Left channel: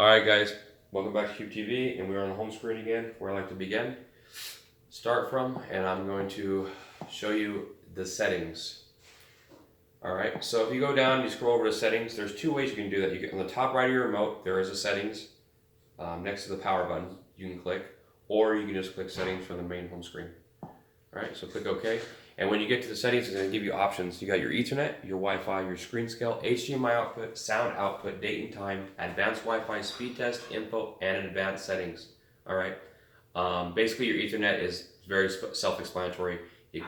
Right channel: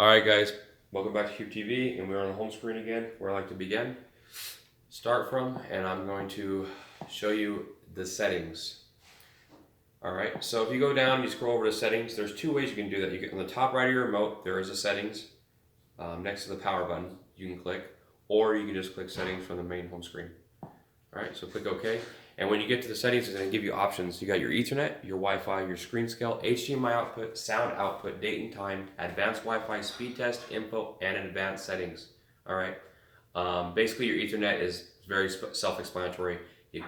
Alright guys, welcome back to Kube TV, and we're on the home screen again, where I like to begin, start from, and I'm going to show you the settings. Alright, so if you go down and you scroll over to settings, there's two ways you can do that. You get on the top right of your remote, there is a settings, next to the power button, you can click, or you can just click settings from the main home screen. Alright, so click OK. And when you get to the settings, it's going to give you options. You got your Ethernet, your Wi-Fi, your screen scale, HDMI output, sound output, date and time, advanced Wi-Fi, speed test, info, and advanced settings. Alright, basically your Ethernet is very self-explanatory. You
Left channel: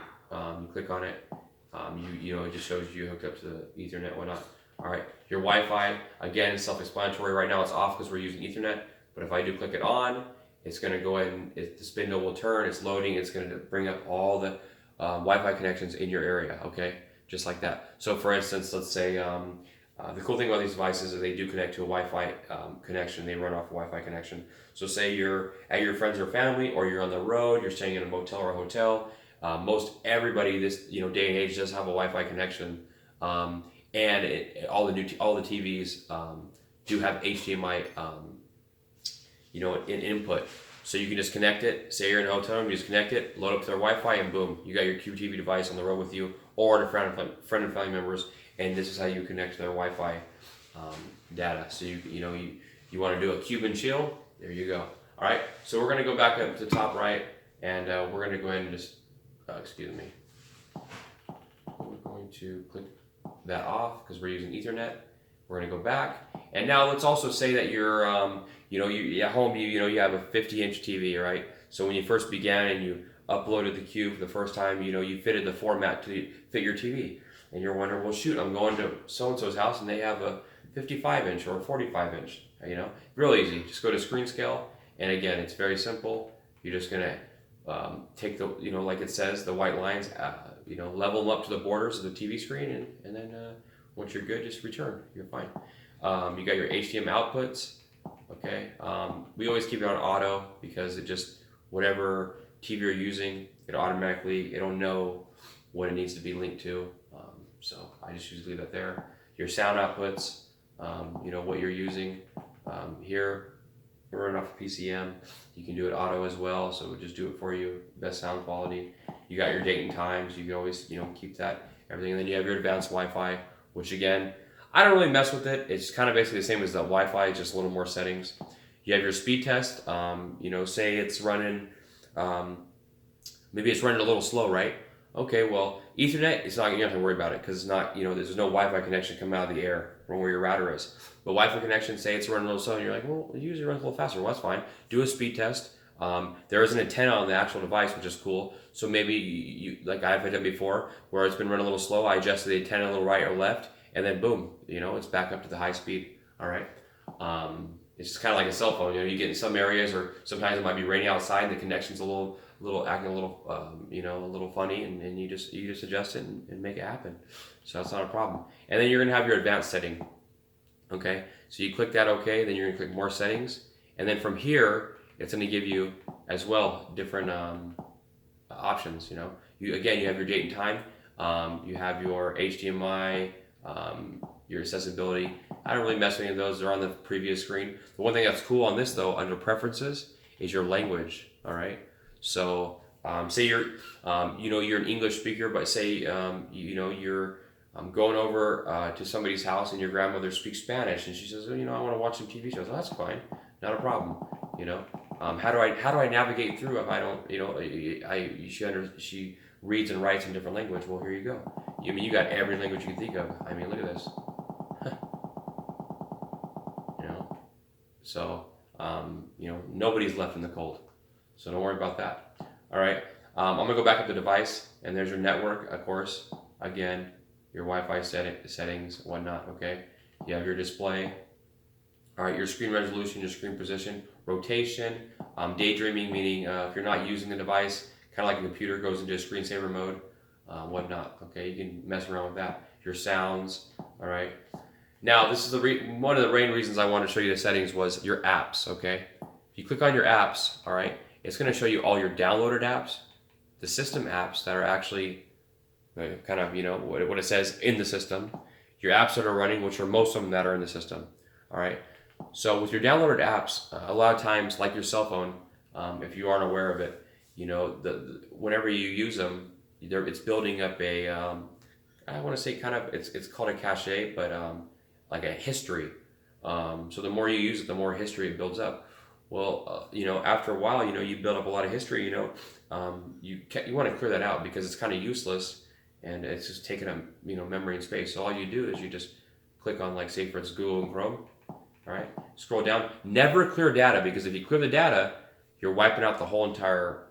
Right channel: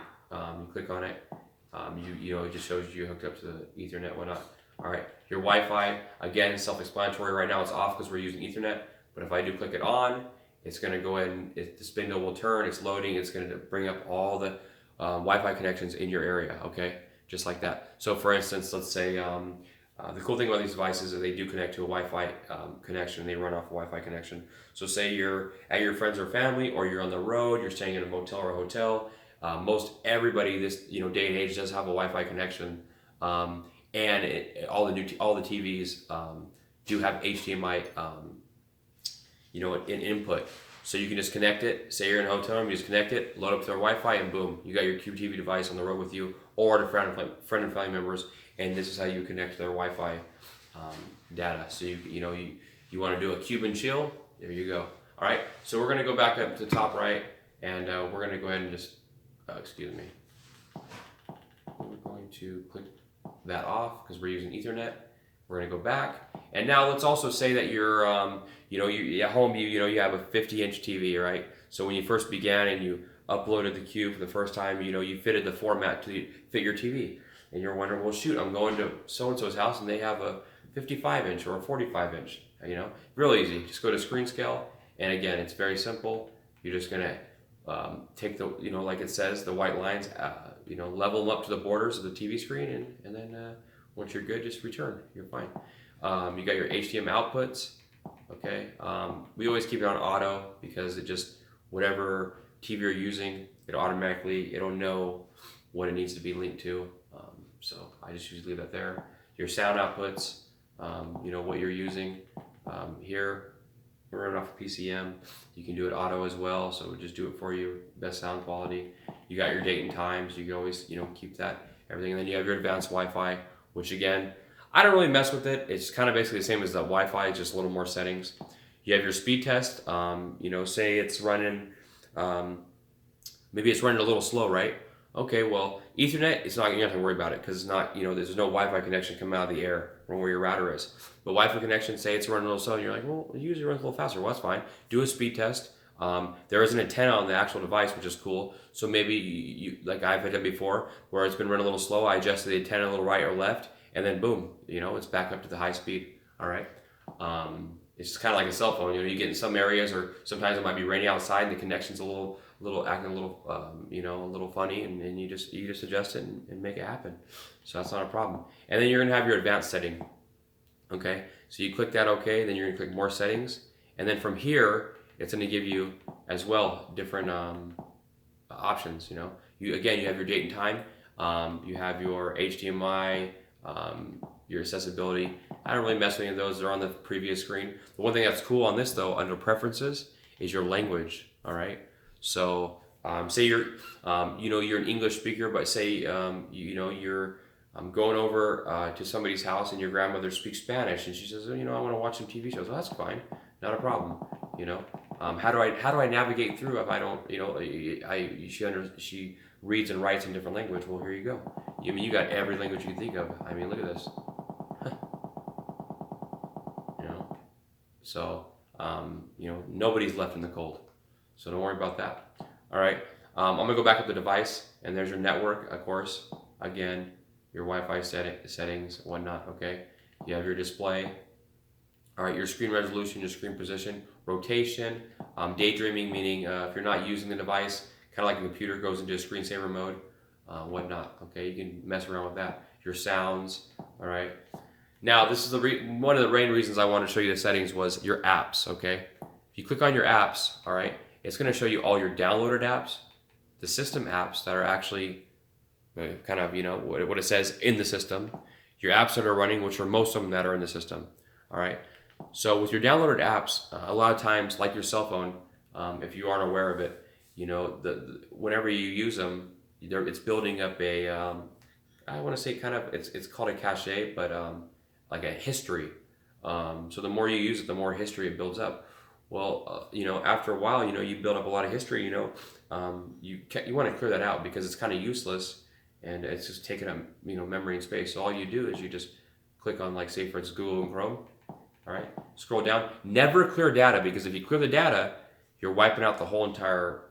click on it, it just shows you hooked up to the Ethernet and whatnot. Alright, your Wi-Fi, again, self-explanatory. Right now it's off because we're using Ethernet, but if I do click it on, it's going to go in, the spindle will turn, it's loading, it's going to bring up all the Wi-Fi connections in your area, okay? Just like that. So for instance, let's say, the cool thing about these devices is they do connect to a Wi-Fi connection, they run off a Wi-Fi connection. So say you're at your friends or family, or you're on the road, you're staying in a motel or a hotel, most everybody this day and age does have a Wi-Fi connection, and all the TVs do have HDMI in input. So you can just connect it, say you're in a hotel room, you just connect it, load up to their Wi-Fi, and boom, you got your Kube TV device on the road with you, or to friend and family members, and this is how you connect to their Wi-Fi data. So you want to do a Kube and chill, there you go. All right, so we're going to go back up to the top right, and we're going to go ahead and just, excuse me, we're going to click that off because we're using Ethernet. We're going to go back, and now let's also say that you're you at home, you have a 50-inch TV, right? So when you first began and you uploaded the Kube for the first time, you fitted the format to fit your TV, and you're wondering, well, shoot, I'm going to so-and-so's house and they have a 55-inch or a 45-inch. Real easy. Just go to screen scale, and again, it's very simple. You're just gonna take the, like it says, the white lines, level them up to the borders of the TV screen, and then once you're good, just return. You're fine. You got your HDMI outputs. Okay, we always keep it on auto because it just, whatever TV you're using, it'll know what it needs to be linked to. So I just usually leave that there. Your sound outputs, what you're using. Here, we're running off of PCM. You can do it auto as well, so we'll just do it for you. Best sound quality. You got your date and times. You can always, keep that, everything. And then you have your advanced Wi-Fi, which again, I don't really mess with it. It's kind of basically the same as the Wi-Fi, just a little more settings. You have your speed test. Say it's running, maybe it's running a little slow, right? Okay, well, Ethernet, you don't have to worry about it because it's not, there's no Wi-Fi connection coming out of the air from where your router is. But Wi-Fi connection, say it's running a little slow, and you're like, well, usually runs a little faster. Well, that's fine. Do a speed test. There is an antenna on the actual device, which is cool. So maybe you like I've done before, where it's been running a little slow. I adjusted the antenna a little right or left, and then boom, it's back up to the high speed. All right. It's just kind of like a cell phone. You get in some areas, or sometimes it might be raining outside, and the connection's acting a little funny, and you just adjust it and make it happen. So that's not a problem. And then you're gonna have your advanced setting. Okay. So you click that OK, then you're gonna click more settings, and then from here it's gonna give you as well different options. You have your date and time. You have your HDMI. Your accessibility. I don't really mess with any of those. They're on the previous screen. The one thing that's cool on this though, under preferences, is your language. All right. So say you're an English speaker, but say you're going over to somebody's house and your grandmother speaks Spanish, and she says, I want to watch some TV shows. Well, that's fine, not a problem. How do I navigate through if I don't? She reads and writes in different language. Well, here you go. You got every language you can think of. Look at this. So, nobody's left in the cold. So don't worry about that. All right. I'm going to go back up the device, and there's your network, of course. Again, your Wi-Fi settings, whatnot, okay? You have your display. All right, your screen resolution, your screen position, rotation, daydreaming, meaning if you're not using the device, kind of like a computer goes into a screensaver mode, whatnot, okay? You can mess around with that. Your sounds, all right? Now, this is one of the main reasons I wanted to show you the settings was your apps, okay? If you click on your apps, all right, it's going to show you all your downloaded apps, the system apps that are actually kind of, what it says in the system, your apps that are running, which are most of them that are in the system, all right? So with your downloaded apps, a lot of times, like your cell phone, if you aren't aware of it, whenever you use them, it's building up a I want to say kind of it's called a cache, but like a history. So the more you use it, the more history it builds up. Well, after a while, you build up a lot of history. You want to clear that out because it's kind of useless, and it's just taking up memory and space. So all you do is you just click on, like, say for instance Google and Chrome. All right, scroll down. Never clear data, because if you clear the data, you're wiping out the whole entire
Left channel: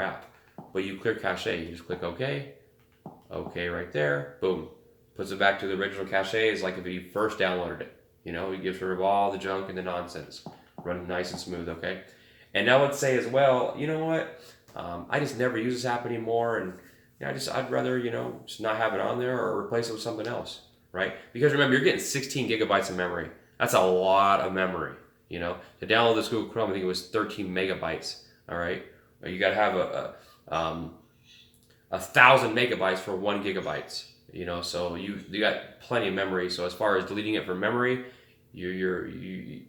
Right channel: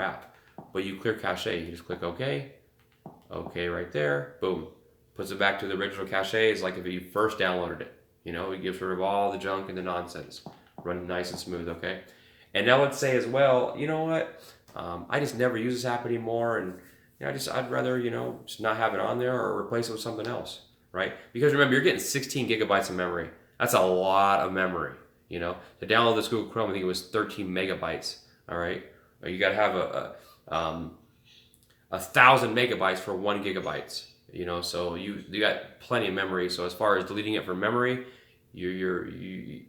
app. But you clear cache. You just click OK. OK right there. Boom. Puts it back to the original cache. It's like if you first downloaded it. It gets rid of all the junk and the nonsense. Running nice and smooth. Okay. And now let's say as well, you know what? I just never use this app anymore, and I'd rather just not have it on there or replace it with something else, right? Because remember, you're getting 16 gigabytes of memory. That's a lot of memory. To download this Google Chrome, I think it was 13 megabytes. All right, you got to have a 1,000 megabytes for 1 gigabytes. So you got plenty of memory. So as far as deleting it from memory,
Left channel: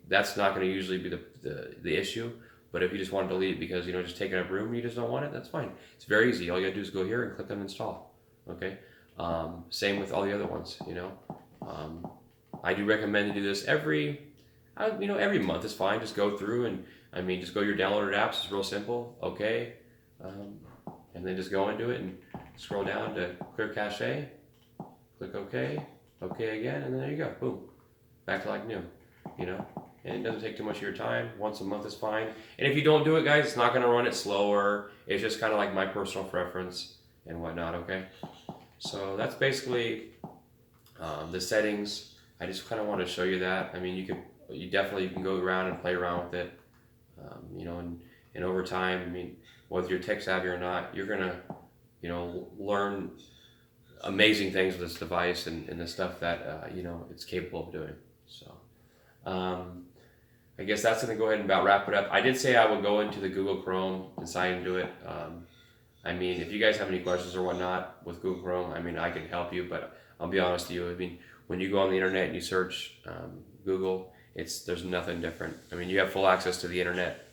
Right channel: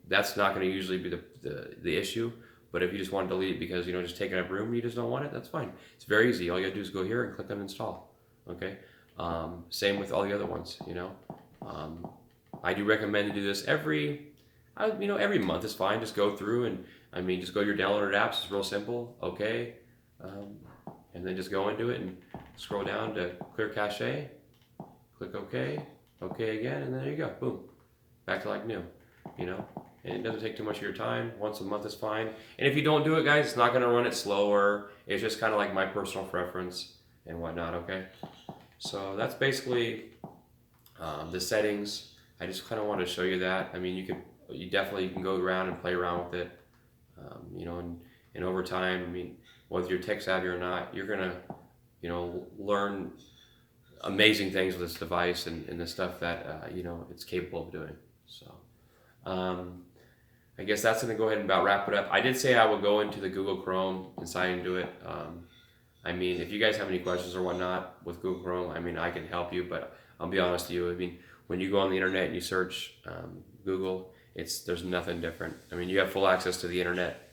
that's not going to usually be the issue. But if you just want to delete it because just taking up room, you just don't want it, that's fine. It's very easy. All you got to do is go here and click on install. Okay. Same with all the other ones. I do recommend to do this every month is fine. Just go through and just go to your downloaded apps. It's real simple. Okay. And then just go into it and scroll down to clear cache. Click OK. OK again, and then there you go. Boom. Back to like new. And it doesn't take too much of your time. Once a month is fine. And if you don't do it, guys, it's not going to run it slower. It's just kind of like my personal preference and whatnot. Okay. So that's basically the settings. I just kind of wanted to show you that. I mean, you definitely can go around and play around with it, and over time, I mean, whether you're tech savvy or not, you're gonna, learn amazing things with this device and the stuff that it's capable of doing. So, I guess that's gonna go ahead and about wrap it up. I did say I would go into the Google Chrome and sign into it. I mean, if you guys have any questions or whatnot with Google Chrome, I mean, I can help you, but I'll be honest with you. I mean, when you go on the internet and you search Google, there's nothing different. I mean, you have full access to the internet.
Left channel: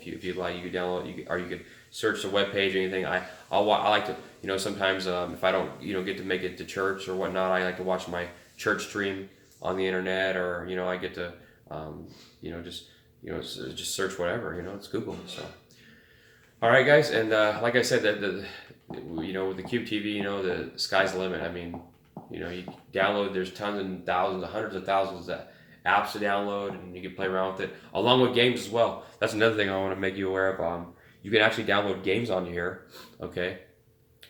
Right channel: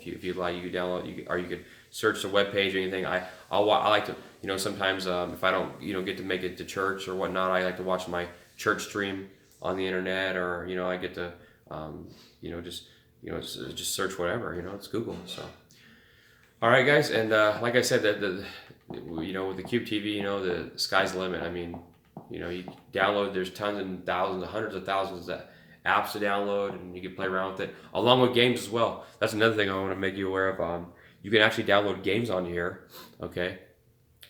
If you'd like, you could download, or you could search the web page or anything. I like to, sometimes if I don't get to make it to church or whatnot, I like to watch my church stream on the internet, or I get to just search whatever. It's Google. So, all right, guys, and like I said, with the Kube TV, the sky's the limit. I mean, you download. There's tons and thousands, hundreds of thousands of apps to download, and you can play around with it, along with games as well. That's another thing I want to make you aware of. You can actually download games on here, okay?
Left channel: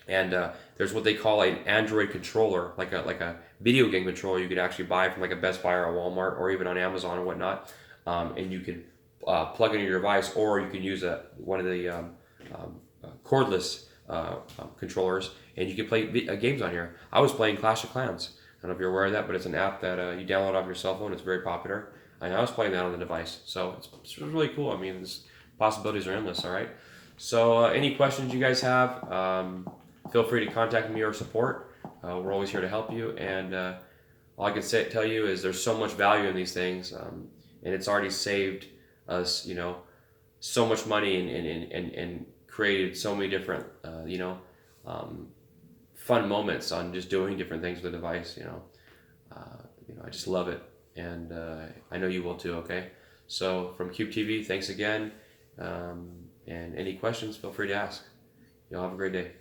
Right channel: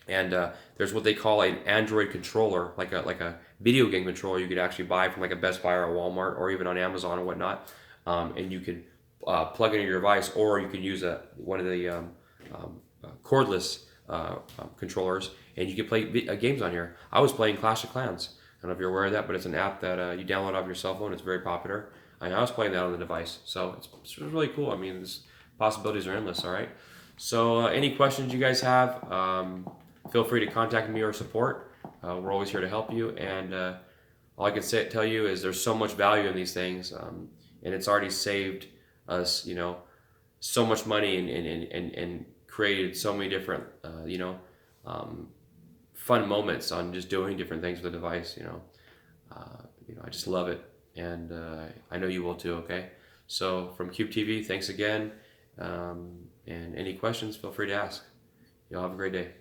And there's what they call an Android controller, like a video game controller. You can actually buy from like a Best Buy or a Walmart or even on Amazon or whatnot, and you can plug it into your device, or you can use one of the cordless controllers, and you can play games on here. I was playing Clash of Clans. I don't know if you're aware of that, but it's an app that you download off your cell phone. It's very popular. I was playing that on the device, so it's really cool. I mean, the possibilities are endless. All right. So any questions you guys have, feel free to contact me or support. We're always here to help you. And all I can tell you is there's so much value in these things, and it's already saved us, so much money and created so many different, fun moments on just doing different things with the device. I just love it, and I know you will too. Okay, so from Kube TV, thanks again, and any questions, feel free to ask. Y'all have a great day.